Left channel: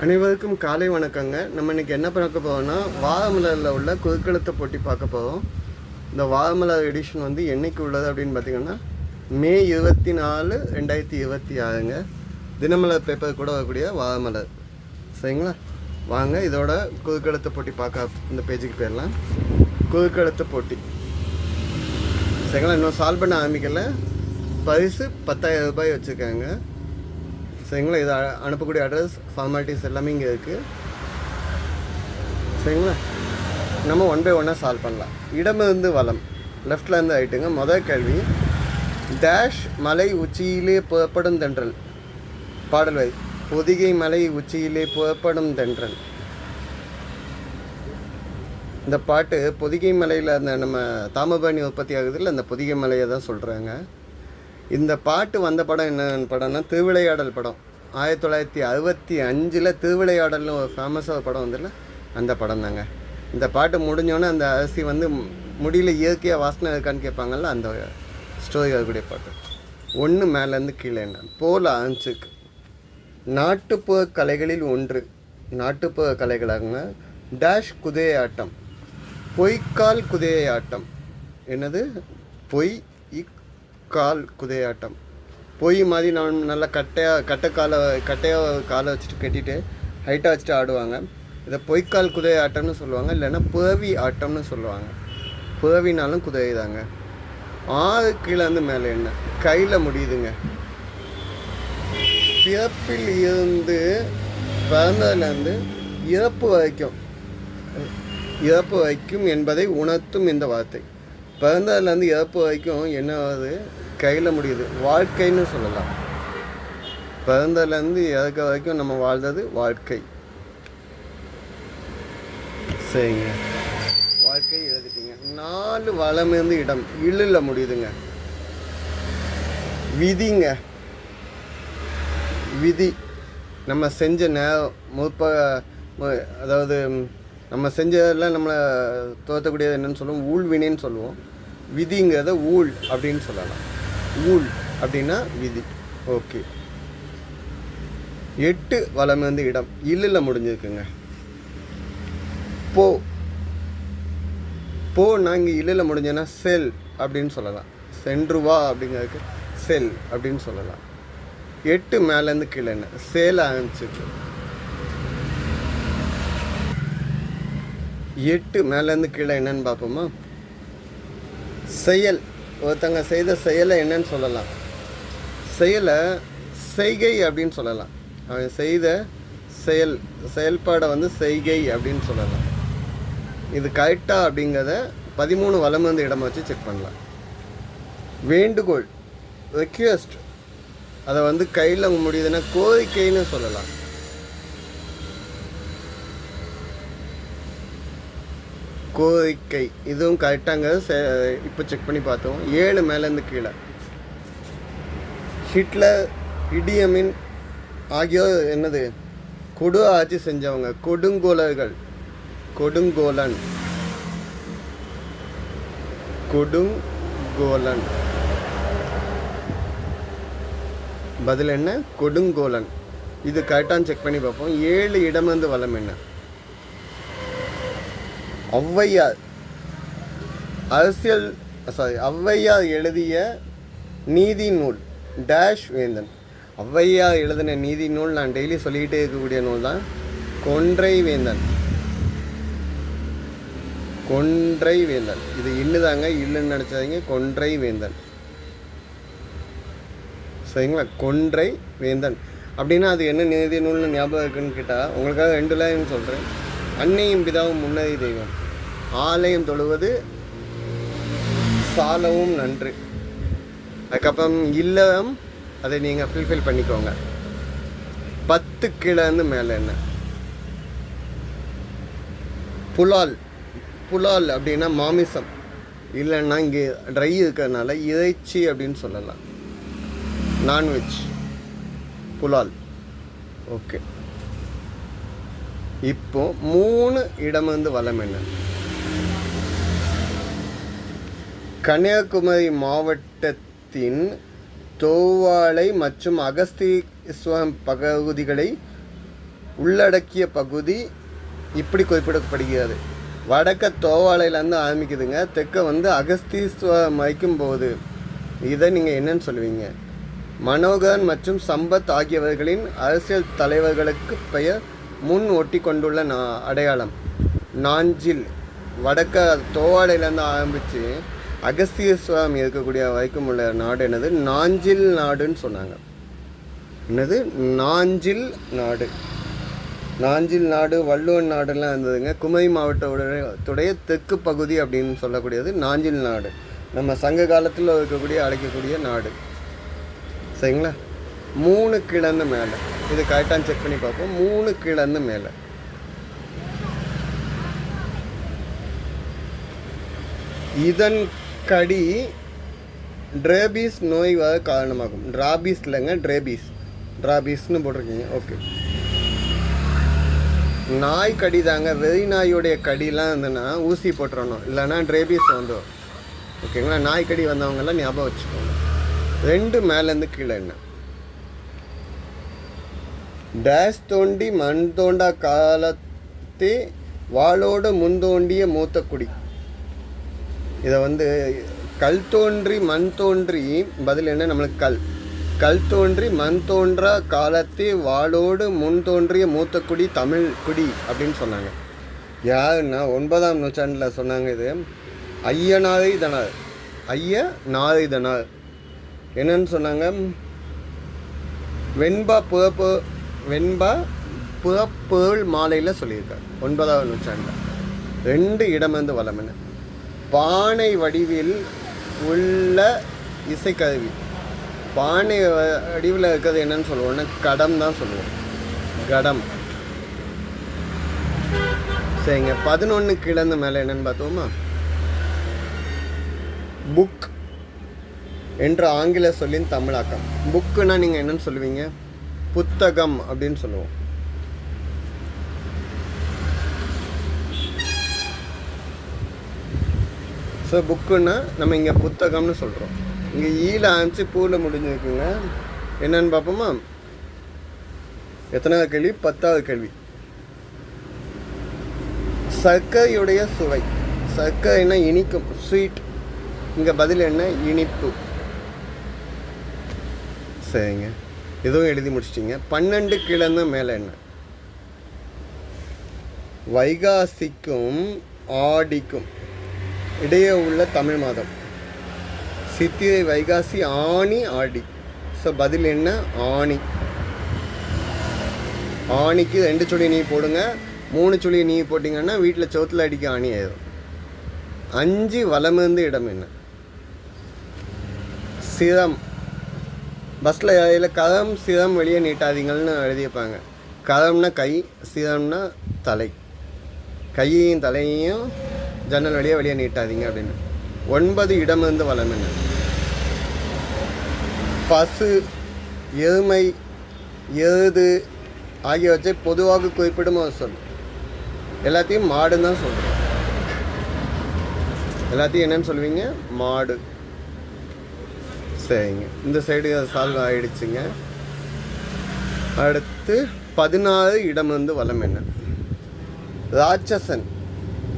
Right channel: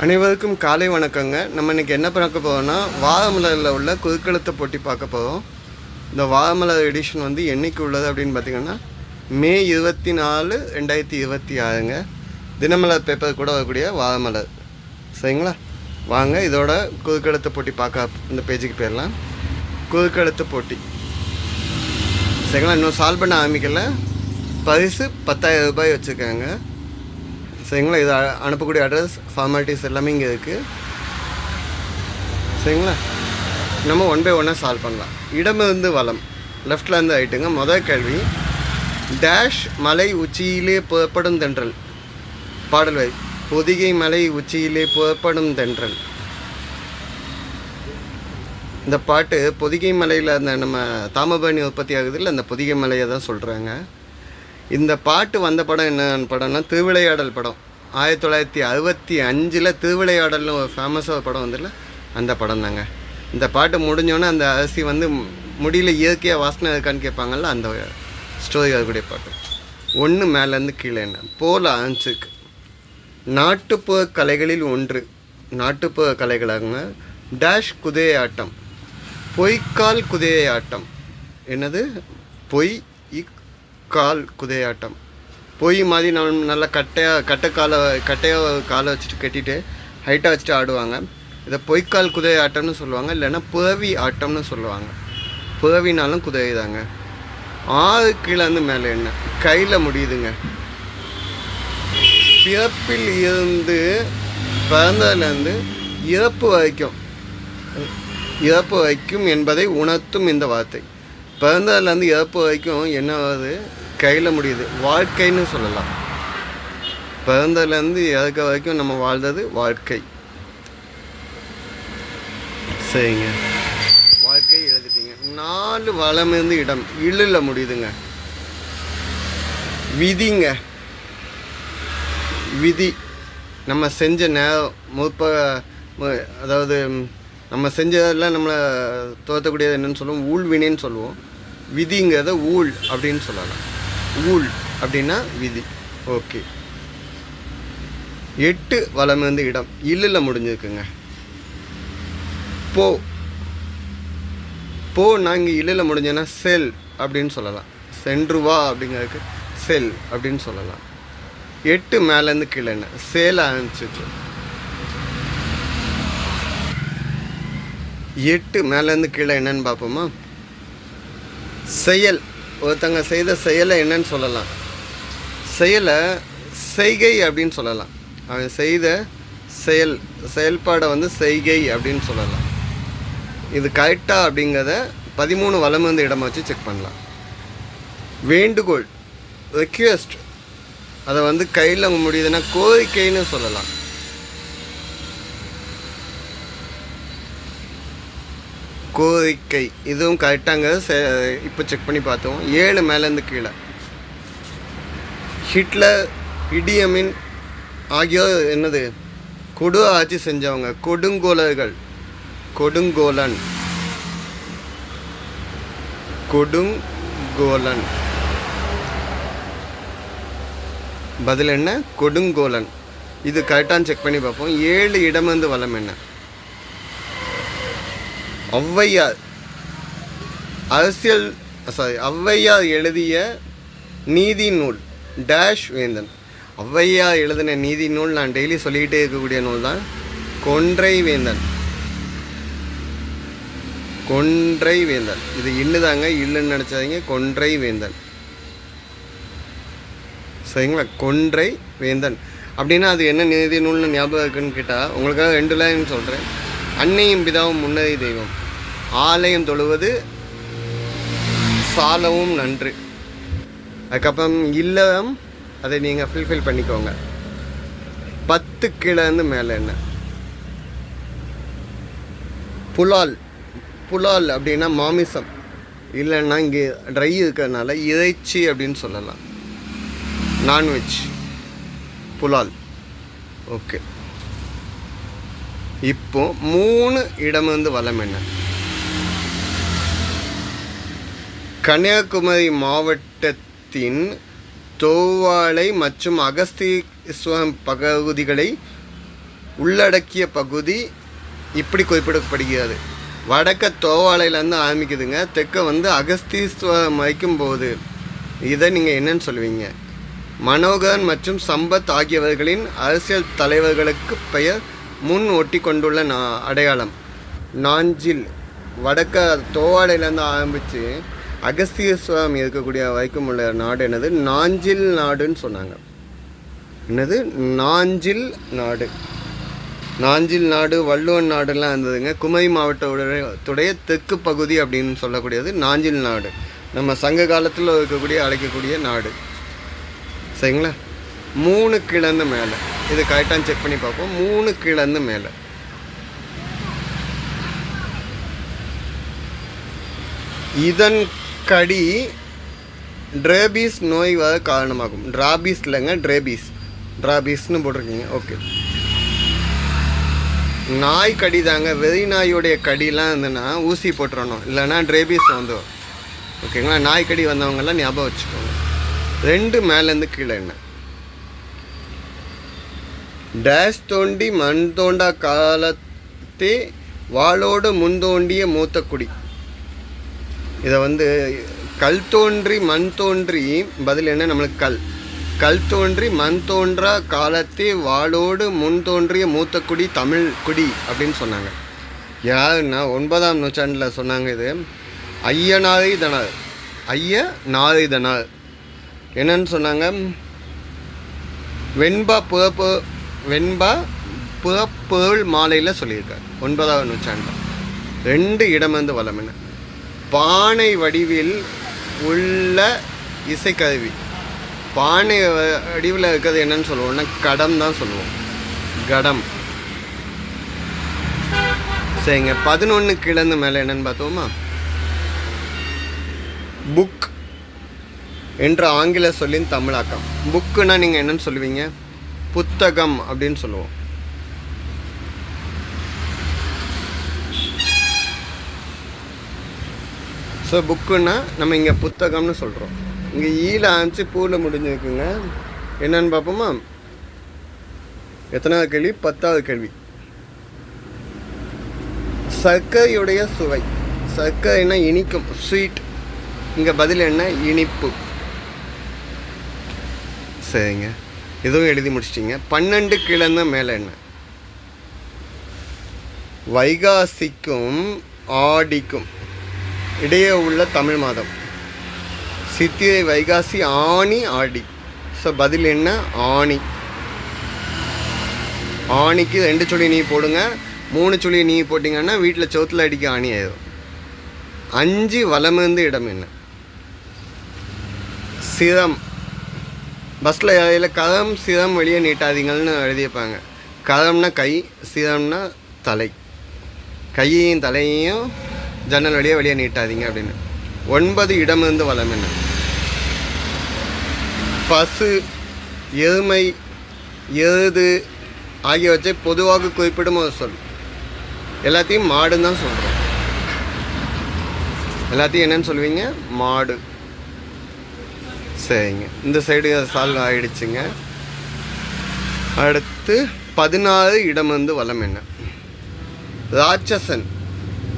அனைவருக்கும் காலை வணக்கங்க. நம்ம இன்றைக்கி என்ன பார்க்க போகிறோம்னா வாழமலரில் உள்ள குறுக்கெழுத்து போட்டி பார்க்க போகிறோம். இந்த வாழமலர் எடிஷன் வந்து என்றைக்கு உள்ளது அப்படின்னு பார்த்திங்கன்னா மே 24, 2026ங்க. தினமலர் பேப்பர் கூட வரக்கூடிய வாழமலர். சரிங்களா? வாங்க இதோட குறுக்கெழுத்து போட்டி பார்க்க இந்த பேஜுக்கு போயிடலாம். குறுக்கெழுத்து போட்டி சரிங்களா? இன்னும் சால்வ் பண்ண ஆரம்பிக்கல. பரிசு 10,000 ரூபாய் வச்சுருக்காங்க. சரிங்களா? இது அனுப்பக்கூடிய அட்ரஸ் ஃபார்மாலிட்டிஸ் எல்லாமே இங்கே இருக்குது. சரிங்களா? நம்ம 1 by 1 சால்வ் பண்ணலாம். இடமிருந்து வலம், லெஃப்டில் இருந்து ஆகிட்டுங்க. முதல் கேள்வி, டேஷ் மலை உச்சியிலே புறப்படும் தென்றல். பாடல் வரி, பொதிகை மலை உச்சியிலே புறப்படும் தென்றல். இந்த பாட்டு பொதிகை மலையில் அந்த நம்ம தாமிரபரணி உற்பத்தி ஆகுது இல்லை, அந்த பொதிகை மலையை தான் சொல்கிறாங்க. இந்த பாட்டு வந்த படம் என்ன படம்னா திருவிளையாடல் படம். 1965 திருவிளையாடல்னு ஒரு ஃபேமஸாக ஒரு படம் வந்துடல, அந்த படம் தாங்க. இந்த பாட்டு முடிஞ்சோன்னே அந்த அரிசி வந்து முடியல இயற்கையாக வாசனை இருக்கான்னு கேட்பாங்கள்ல, அந்த ஸ்டோரி அதுக்கூடிய பாட்டு. ஒன்று மேலேருந்து கீழே என்ன போல் ஆரம்பிச்சிருக்கு. நாட்டுப்புற கலைகளில் ஒன்று, நாட்டுப்புற கலைகளாங்க. டேஷ் குதிரை ஆட்டம், பொய்க்கால் குதிரை ஆட்டம். என்னது? கால் குதிரையாட்டம். பொய் மாதிரி நல்லா கட்டையாக காலை வச்சுட்டு கட்டிட்டு ஹைட்டாக வச்சுட்டு ஆடுவாங்க. இதை பொய்க்கால் குதிரை ஆட்டம்னு சொல்லுவாங்க, இல்லைன்னா புறவி ஆட்டம்னு சொல்லுவாங்க. புறவினாலும் குதிரை தாங்க. 6 கீழேருந்து மேலே என்ன கையில் முடியுதுங்க. பிறப்பில் இருந்து பிறந்ததுலேருந்து இறப்பு வரைக்கும் என்பதை உணர்த்தும் இந்த வார்த்தை. பிறந்ததுலேருந்து இறப்பு வரைக்கும் என்னவாது? கையில் முடியுது. வாழ்க்கைன்னு சொல்லலாம். பிறந்ததுலேருந்து இறக்க வரைக்கும் நம்ம வாழ்ந்தது வாழ்க்கை. சரிங்க, வாழ்க்கை எழுதிட்டீங்க. 4 வலமிருந்து இடம், இழுல முடியுதுங்க. விதிங்க. விதி நம்ம செஞ்ச நேரம் அதாவது நம்ம செஞ்சதெல்லாம் நம்மளை தோற்றக்கூடியது என்னென்னு சொல்லுவோம்? ஊழ்வினைன்னு சொல்லுவோம். விதிங்கிறத ஊழ் அப்படின்னு சொல்லலாம். ஊழ் அப்படின்னா விதி. ஓகே. 8 வலமிருந்து இடம், இல்லில் முடிஞ்சிருக்குங்க. நாங்கள் இல்லில் முடிஞ்சோன்னா செல் அப்படின்னு சொல்லலாம். சென்று வா அப்படிங்கிறதுக்கு செல் அப்படின்னு சொல்லலாம். 8 மேலேருந்து கீழே என்ன சேல் ஆரம்பிச்சிச்சு. 8 மேலேருந்து கீழே என்னன்னு பார்ப்போமா? செயல். ஒருத்தங்க செய்த செயலை என்னன்னு சொல்லலாம்? செயலை செய்கை அப்படின்னு சொல்லலாம். அவன் செய்த செயல்பாடை வந்து செய்கை அப்படின்னு சொல்லலாம். இது கரெக்டாக அப்படிங்கிறத 13 வலமிருந்து இடமா வச்சு செக் பண்ணலாம். வேண்டுகோள், ரெக்வெஸ்ட், அதை வந்து கையில் முடியுதுன்னா கோரிக்கைன்னு சொல்லலாம். கோரிக்கை, இதுவும் கரெக்டாங்க. இப்போ செக் பண்ணி பார்த்தோம். 7 மேலேருந்து கீழே. ஹிட்லர், இடியமின் ஆகியோர் என்னது? கொடு ஆட்சி செஞ்சவங்க, கொடுங்கோலர்கள். கொடுங்கோலன். பதில் என்ன? கொடுங்கோலன். இது கரெக்டான்னு செக் பண்ணி பார்ப்போம். 7 இடமிருந்து வலம் என்ன? ஔவையார் ஔவையார் எழுதிய நீதி நூல் டேஷ் வேந்தன். ஔவையார் எழுதின நீதி நூல் நான் டெய்லி சொல்லிக்கிட்டே இருக்கக்கூடிய நூல் தான் கொன்றை வேந்தன். இது இல்லுதாங்க, இல்லுன்னு நினச்சாதீங்க. கொன்றை வேந்தன். சரிங்களா? கொன்றை வேந்தன் அப்படின்னா அது என்ன நீதி நூல்னு ஞாபகம் இருக்குன்னு கேட்டால் உங்களுக்காக 2 லைன் சொல்கிறேன். அன்னையும் பிதாவும் முன்னறி தெய்வம், ஆலயம் தொழுவது சாலவும் நன்று. அதுக்கப்புறம் இல்லம், அதை நீங்கள் ஃபுல்ஃபில் பண்ணிக்கோங்க. 10 கீழேருந்து மேலே என்ன? புலால் அப்படின்னா மாமிசம், இல்லைன்னா இங்கே ட்ரை இருக்கிறதுனால இறைச்சி அப்படின்னு சொல்லலாம். நான்வெஜ், புலால். ஓகே. இப்போ 3 இடமிருந்து வலம் என்ன? கன்னியாகுமரி மாவட்டத்தின் தோவாளை மற்றும் அகஸ்தீஸ்வரம் பகுதிகளை உள்ளடக்கிய பகுதி இப்படி குறிப்பிடப்படுகிறது. வடக்க தோவாளையிலேருந்து ஆரம்பிக்குதுங்க, தெற்க வந்து அகஸ்தீஸ்வரம் வைக்கும்போது இதை நீங்கள் என்னன்னு சொல்லுவீங்க? மனோகரன் மற்றும் சம்பத் ஆகியவர்களின் அரசியல் தலைவர்களுக்கு பெயர் முன் ஒட்டி கொண்டுள்ள அடையாளம் நாஞ்சில். வடக்க தோவாளையிலேருந்து ஆரம்பித்து அகஸ்தீஸ்வரம் இருக்கக்கூடிய வரைக்கும் உள்ள நாடு என்னது? நாஞ்சில் நாடுன்னு சொன்னாங்க. என்னது? நாஞ்சில் நாடு. நாஞ்சில் நாடு, வள்ளுவன் நாடுலாம் இருந்ததுங்க. குமரி மாவட்டத்துடைய தெற்கு பகுதி அப்படின்னு சொல்லக்கூடியது நாஞ்சில் நாடு. நம்ம சங்க காலத்தில் இருக்கக்கூடிய அழைக்கக்கூடிய நாடு. சரிங்களா? 3 கிழந்து மேலே, இது கரெக்டாக செக் பண்ணி பார்ப்போம். 3 கிழந்து மேலே. இதன் கடி ட்ரேபீஸ் நோய் வர காரணமாகும். டிராபீஸ் இல்லைங்க, டிராபீஸ்னு போட்டிருக்கீங்க. ஓகே, நாய் கடி தாங்க. வெறி நாயோடைய கடிலாம் இருந்ததுன்னா ஊசி போட்டுறணும், இல்லைன்னா ட்ரேபீஸ் வந்துடும். ஓகேங்களா? நாய் கடி வந்தவங்கெல்லாம் ஞாபகம் வச்சுக்கோங்க. 2 மேலேருந்து கீழே என்ன? டேஷ் தோண்டி மண் தோண்டா காலத்தே வாளோடு முன் தோண்டிய மூத்த குடி. இதை வந்து கல் தோன்றி மண் தோன்றி, பதில் என்ன நம்மளுக்கு? கல் தோன்றி மண் தோன்றா காலத்தே வாளோடு முன் தோன்றிய மூத்த குடி தமிழ் குடி அப்படின்னு சொன்னாங்க. யாருன்னா 9ஆம் நூற்றாண்டில் சொன்னாங்க. இது ஐயனாரிதனார் என்னன்னு சொன்னாங்க? வெண்பா புறப்பொருள் மாலையில் சொல்லியிருக்காங்க 9ஆம் நூற்றாண்டில். 2 இடம் வந்து வளம் என்ன? பானை வடிவில் உள்ள இசைக்கருவி. பானை வடிவில் இருக்கிறது என்னன்னு சொல்லுவோம்னா கடம் தான் சொல்லுவோம். கடம். சரிங்க. 11 கிழந்து மேலே என்னன்னு பார்த்தோமா? புக் என்ற ஆங்கில சொல்லின் தமிழாக்கம். புக்குன்னா நீங்கள் என்னன்னு சொல்லுவீங்க? புத்தகம் அப்படின்னு சொல்லுவோம். ஸோ புக்குன்னா நம்ம இங்கே புத்தகம்னு சொல்கிறோம். இங்கே ஈல ஆரம்பிச்சு பூவில் முடிஞ்சிருக்குங்க. என்னன்னு பார்ப்போமா? எத்தனாவது கேள்வி? 10வது கேள்வி. சர்க்கரையுடைய சுவை. சர்க்கரைனா இனிக்கும், ஸ்வீட். இங்கே பதில் என்ன? இனிப்பு. சரிங்க, இதுவும் எழுதி முடிச்சிட்டிங்க. 12 கிழந்து மேலே என்ன? வைகாசிக்கும் ஆடிக்கும் இடையே உள்ள தமிழ் மாதம். சித்திரை, வைகாசி, ஆனி, ஆடி. ஸோ பதில் என்ன? ஆனி. ஆணிக்கு 2 சுழி நீ போடுங்க. 3 சுழி நீ போட்டிங்கன்னா வீட்டில் சோத்தில் அடிக்க ஆணி ஆயிடும். 5 வலமிருந்து இடம் என்ன? சிரம். பஸ்ஸில் இதில் கதம் சிரம் வெளியே நீட்டாதீங்கள்னு எழுதியிருப்பாங்க. கதம்னா கை, சிரம்னா தலை. கையையும் தலையையும் ஜன்னல் வெளியே நீட்டாதீங்க அப்படின்னு. 9 இடமிருந்து வளம் என்ன? பசு, எருமை, எருது ஆகியவற்றை பொதுவாக குறிப்பிடும் ஒரு சொல். எல்லாத்தையும் மாடுன்னு தான் சொல்கிறோம். எல்லாத்தையும் என்னன்னு சொல்லுவீங்க? மாடு. சரிங்க, இந்த சைடு சால்வ் ஆகிடுச்சுங்க. அடுத்து 16 இடமிருந்து வளம் என்ன? ராட்சசன்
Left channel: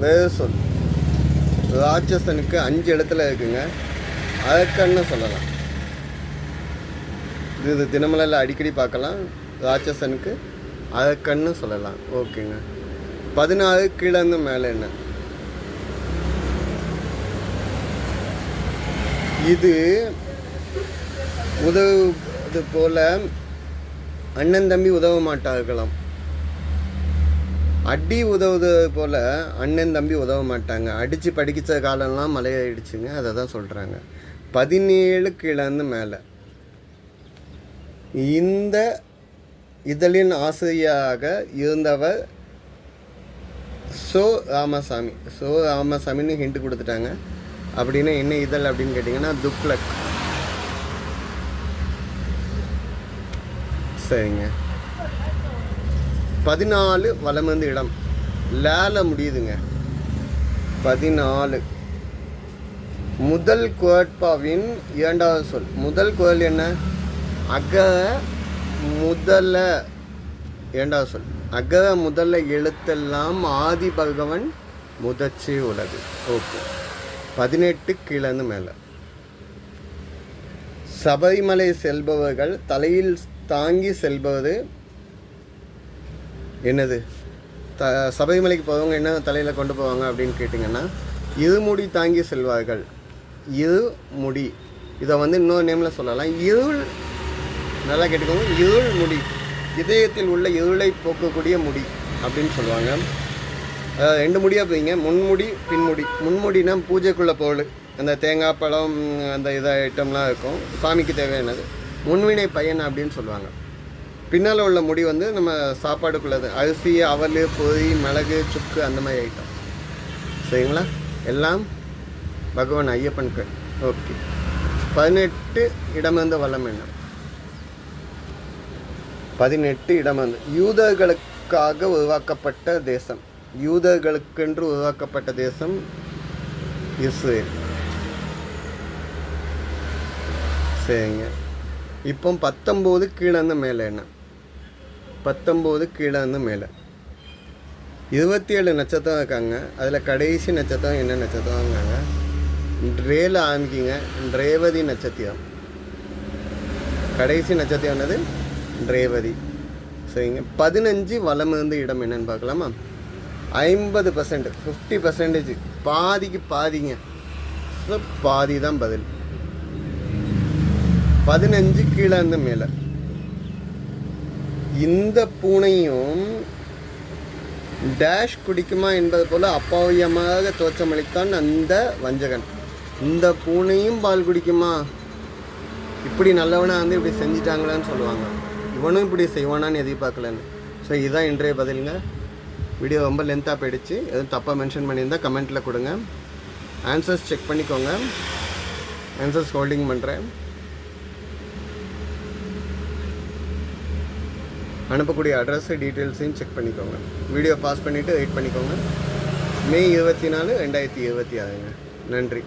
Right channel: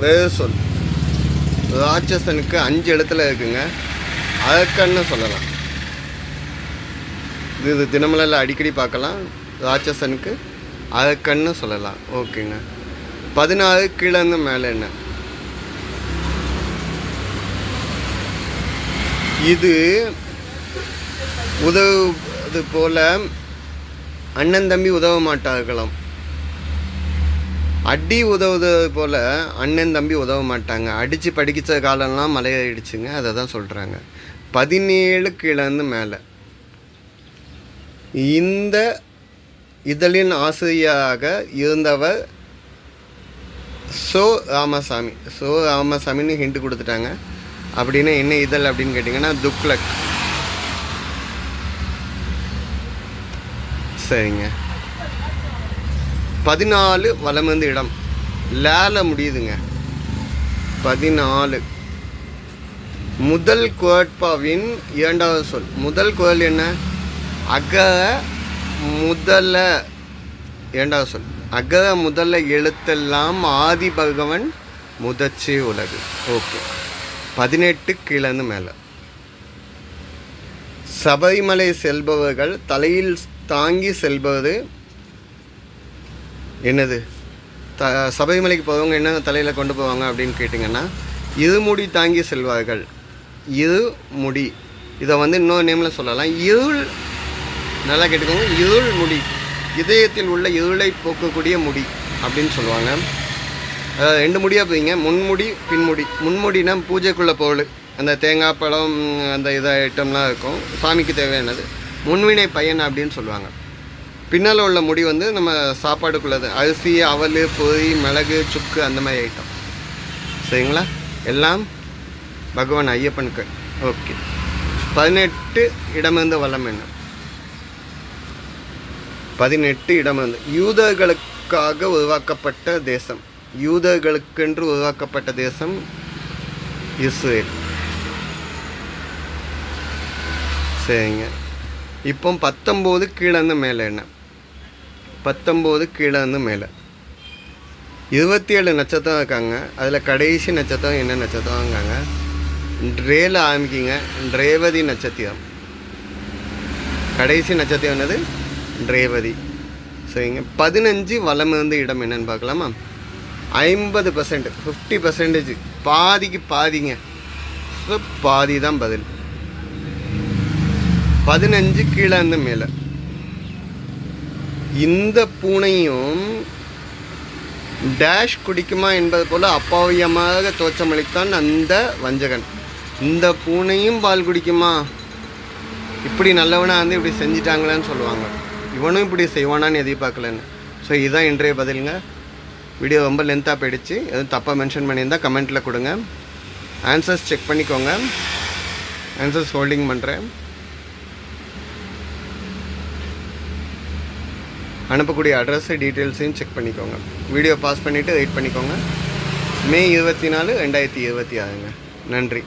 வேறு சொல். ராட்சசனுக்கு 5 இடத்துல இருக்குங்க. அதற்கன்னு சொல்லலாம். இது தினமலரில் அடிக்கடி பார்க்கலாம். ராட்சசனுக்கு அதற்கன்னு சொல்லலாம். ஓகேங்க. 16 கீழேருந்து மேலே என்ன? இது உதவுவது போல அண்ணன் தம்பி உதவ மாட்டார்களாம். அடி உதவுவது போல் அண்ணன் தம்பி உதவ மாட்டாங்க. அடித்து படிக்கிற காலம்லாம் மலையாயிடுச்சுங்க. அதை தான் சொல்கிறாங்க. 17 கீழேருந்து மேலே. இந்த இதழின் ஆசிரியராக இருந்தவர் சோ ராமசாமி. சோ ராமசாமின்னு ஹிண்ட் கொடுத்துட்டாங்க. அப்படின்னா என்ன இதழ் அப்படின்னு கேட்டிங்கன்னா துக்ளக். சரிங்க. 14 வலமிருந்து இடம். லேல முடியுதுங்க. 14 முதல் குரட்பாவின் 2வது சொல். முதல் குரல் என்ன? அக முதல இரண்டாவது சொல். அகர முதல்ல எழுத்தெல்லாம் ஆதி பகவன் முதற்றே உலகு. ஓகே. 18 கீழேருந்து மேலே. சபரிமலை செல்பவர்கள் தலையில் தாங்கி செல்வது என்னது? சபரிமலைக்கு போகிறவங்க என்ன தலையில் கொண்டு போவாங்க அப்படின்னு கேட்டிங்கன்னா, இருமுடி தாங்கி செல்வார்கள். இருமுடி, இதை வந்து இன்னொரு நேமில் சொல்லலாம். இருள், நல்லா கேட்டுக்கோங்க, இருள் முடி, இதயத்தில் உள்ள இருளை போக்கக்கூடிய முடி அப்படின்னு சொல்லுவாங்க. 2 முடியாக போயிங்க, முன்முடி பின்முடி. முன்முடினா பூஜைக்குள்ளே பொருள், அந்த தேங்காய் பழம் அந்த ஐட்டம்லாம் இருக்கும், சாமிக்கு தேவையானது. முன்வினை பயன் அப்படின்னு சொல்லுவாங்க. பின்னால் உள்ள முடி வந்து நம்ம சாப்பாடுக்குள்ளது, அரிசி, அவல், பொரி, மிளகு, சுக்கு, அந்த மாதிரி ஐட்டம். சரிங்களா? எல்லாம் பகவான் ஐயப்பனுக்கு. ஓகே. 18 இடமிருந்த வளம் என்ன? 18 இடமிருந்து யூதர்களுக்காக உருவாக்கப்பட்ட தேசம். யூதர்களுக்கென்று உருவாக்கப்பட்ட தேசம் இஸ்ரேல். சரிங்க. இப்போ 19 கீழேருந்து மேலே என்ன? 19 கீழேருந்து மேலே 27 நட்சத்திரம் இருக்காங்க. அதில் கடைசி நட்சத்திரம் என்ன நட்சத்திரம் இருக்காங்க? ரேல ஆரம்பிக்கிங்க, ரேவதி நட்சத்திரம். கடைசி நட்சத்திரம் என்னது? ரேவதி. சரிங்க. 15 வலம் இருந்த இடம் என்னன்னு பார்க்கலாமா? 50%, 50%, பாதிக்கு பாதிங்க. ஸோ பாதி தான் பதில். 15 கீழே இருந்து மேலே. இந்த பூனையும் டேஷ் குடிக்குமா என்பது போல அப்பாவியமாக தோற்றமளித்தான் அந்த வஞ்சகன். இந்த பூனையும் பால் குடிக்குமா? இப்படி நல்லவனாக வந்து இப்படி செஞ்சிட்டாங்களான்னு சொல்லுவாங்க. இவனும் இப்படி செய்வானான்னு எதிர்பார்க்கலன்னு. ஸோ இதுதான் இன்றைய பதிலுங்க. வீடியோ ரொம்ப லென்த்தாக போயிடுச்சு. எதுவும் தப்பாக மென்ஷன் பண்ணியிருந்தால் கமெண்ட்டில் கொடுங்க. ஆன்சர்ஸ் செக் பண்ணிக்கோங்க. ஆன்சர்ஸ் ஹோல்டிங் பண்ணுறேன். அனுப்பக்கூடிய அட்ரஸு டீட்டெயில்ஸையும் செக் பண்ணிக்கோங்க. வீடியோ பாஸ் பண்ணிவிட்டு வெயிட் பண்ணிக்கோங்க. மே 24, 2026. நன்றி.